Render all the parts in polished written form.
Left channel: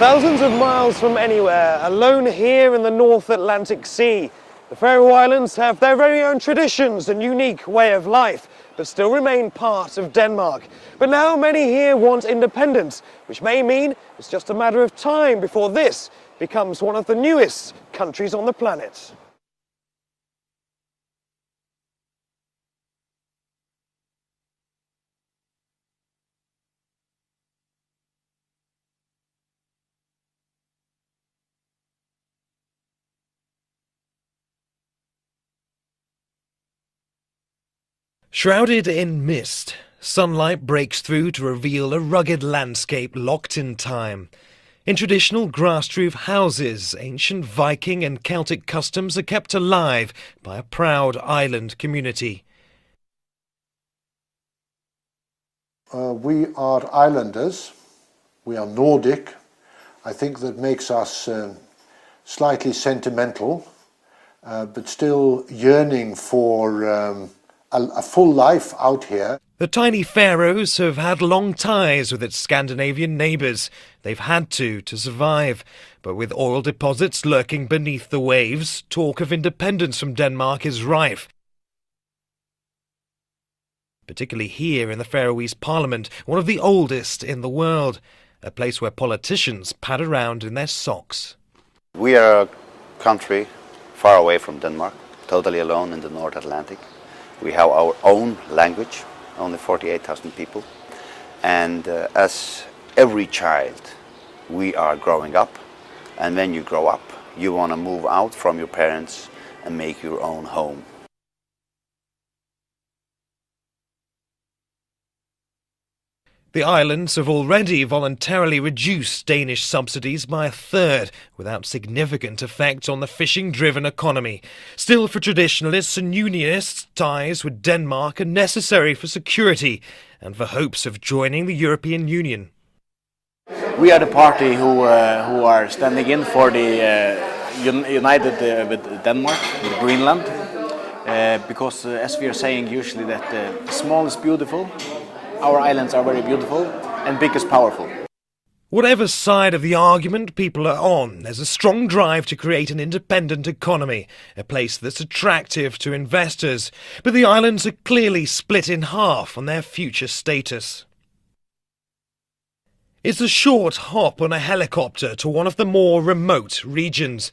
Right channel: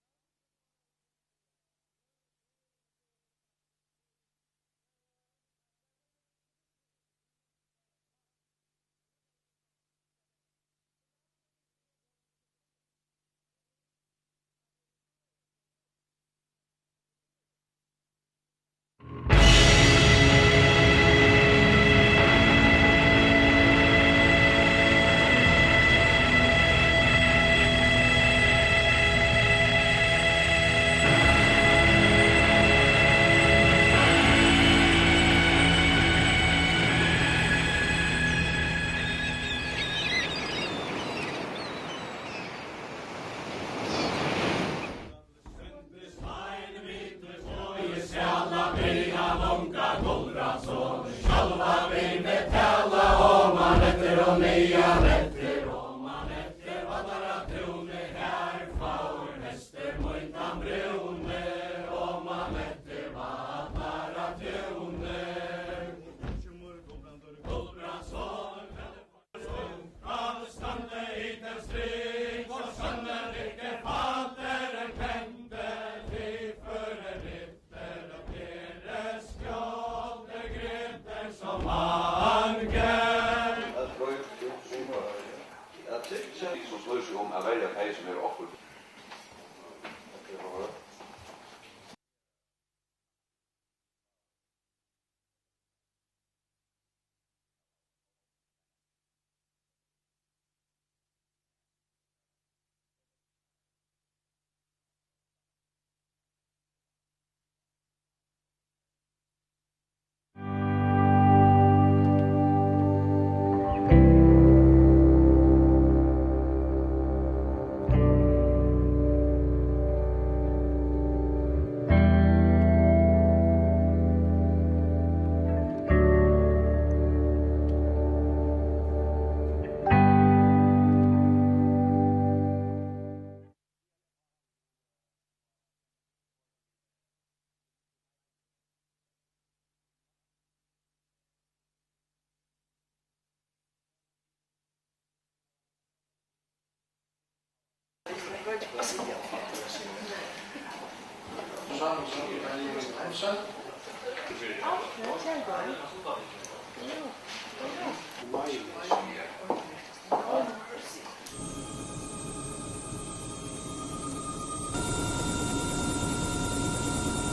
Thousands of miles from anywhere, alone here in the North Atlantic Sea, the Faroe Islands have their very own traditions and unique way of life, but still remain part of Denmark. But now many here want independence, which may mean it's just a matter of time before this becomes one of the newest countries on the planet. Shrouded in mist, sunlight breaks through to reveal a rugged landscape locked in time. In traditional grass-roof houses, ancient Viking and Celtic customs are kept alive by a proud island community. We are islanders, we are Nordic. I think that makes us slightly sentimental, but still yearning for a full life out here. The tiny Faroes have had long ties with its Scandinavian neighbours. They've had to survive. But with oil deposits lurking beneath the waves, talk of independence from Denmark is rife. Particularly here in the Faroese Parliament, one of the oldest in the world. A place where politicians pad around in their socks. We are a country far away from Denmark, totally alone in the North Atlantic. We have our own language, only 48,000 people. And as every child, we are growing up. And when you grow up, you want to move out from your parents and make your own home. The islands have already voluntarily reduced Danish subsidies by a third, without significant effect on the fishing-driven economy. Still, for traditionalists and unionists, ties with Denmark are necessary for security and for hopes of joining the European Union. We are the party who are standing in for the united with Denmark, with Greenland, because as we are saying usually that small is beautiful, our islands are very beautiful, and big is powerful. Whatever side of the argument people are on, there's a strong drive to create an independent economy, a place that's attractive to investors. But the islands are clearly split in half on their future status. It's a short hop on a helicopter to one of the more remote regions.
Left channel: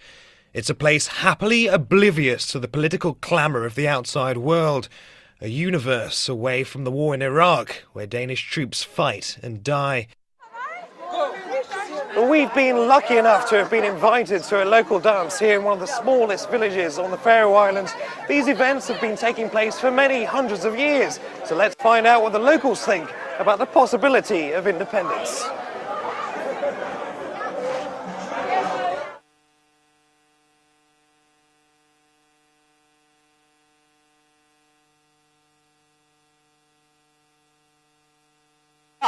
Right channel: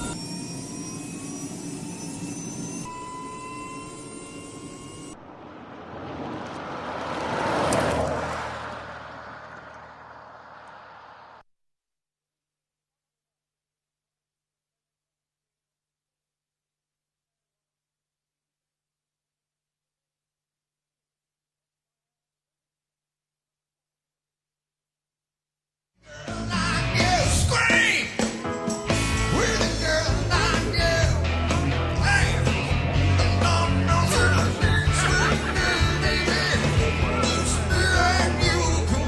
It's a place happily oblivious to the political clamour of the outside world. A universe away from the war in Iraq, where Danish troops fight and die. But we've been lucky enough to have been invited to a local dance here in one of the smallest villages on the Faroe Islands. These events have been taking place for many hundreds of years. So let's find out what the locals think about the possibility of independence.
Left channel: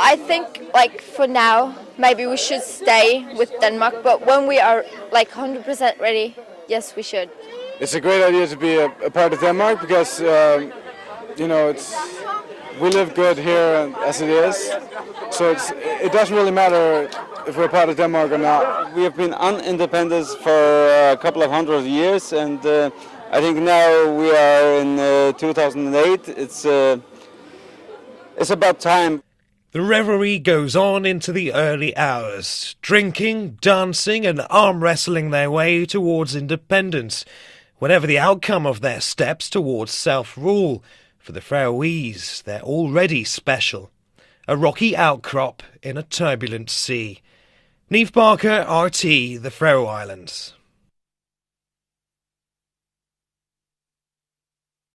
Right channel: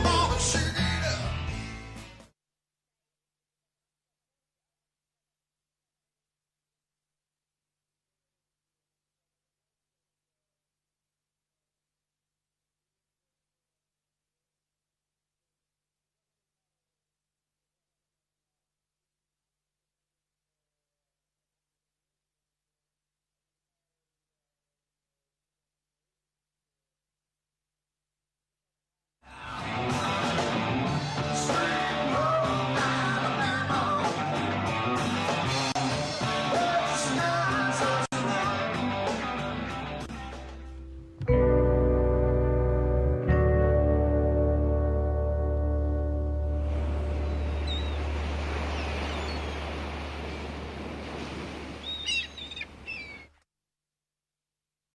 I think, like, for now, maybe we should stay with Denmark, but when we are, like, 100% ready, yes, we should. It's a great idea to be a part of Denmark because, you know, we live good here as it is, so it doesn't really matter if we're part of Denmark or not. We have been independent for a couple of hundred years, and I think now we are in 2008. It's about time. The revelry goes on into the early hours, drinking, dancing and arm wrestling their way towards independence, whatever the outcome of their steps towards self-rule. For the Faroese, they're already special, a rocky outcrop in a turbulent sea. Neave Barker, RT, the Faroe Islands.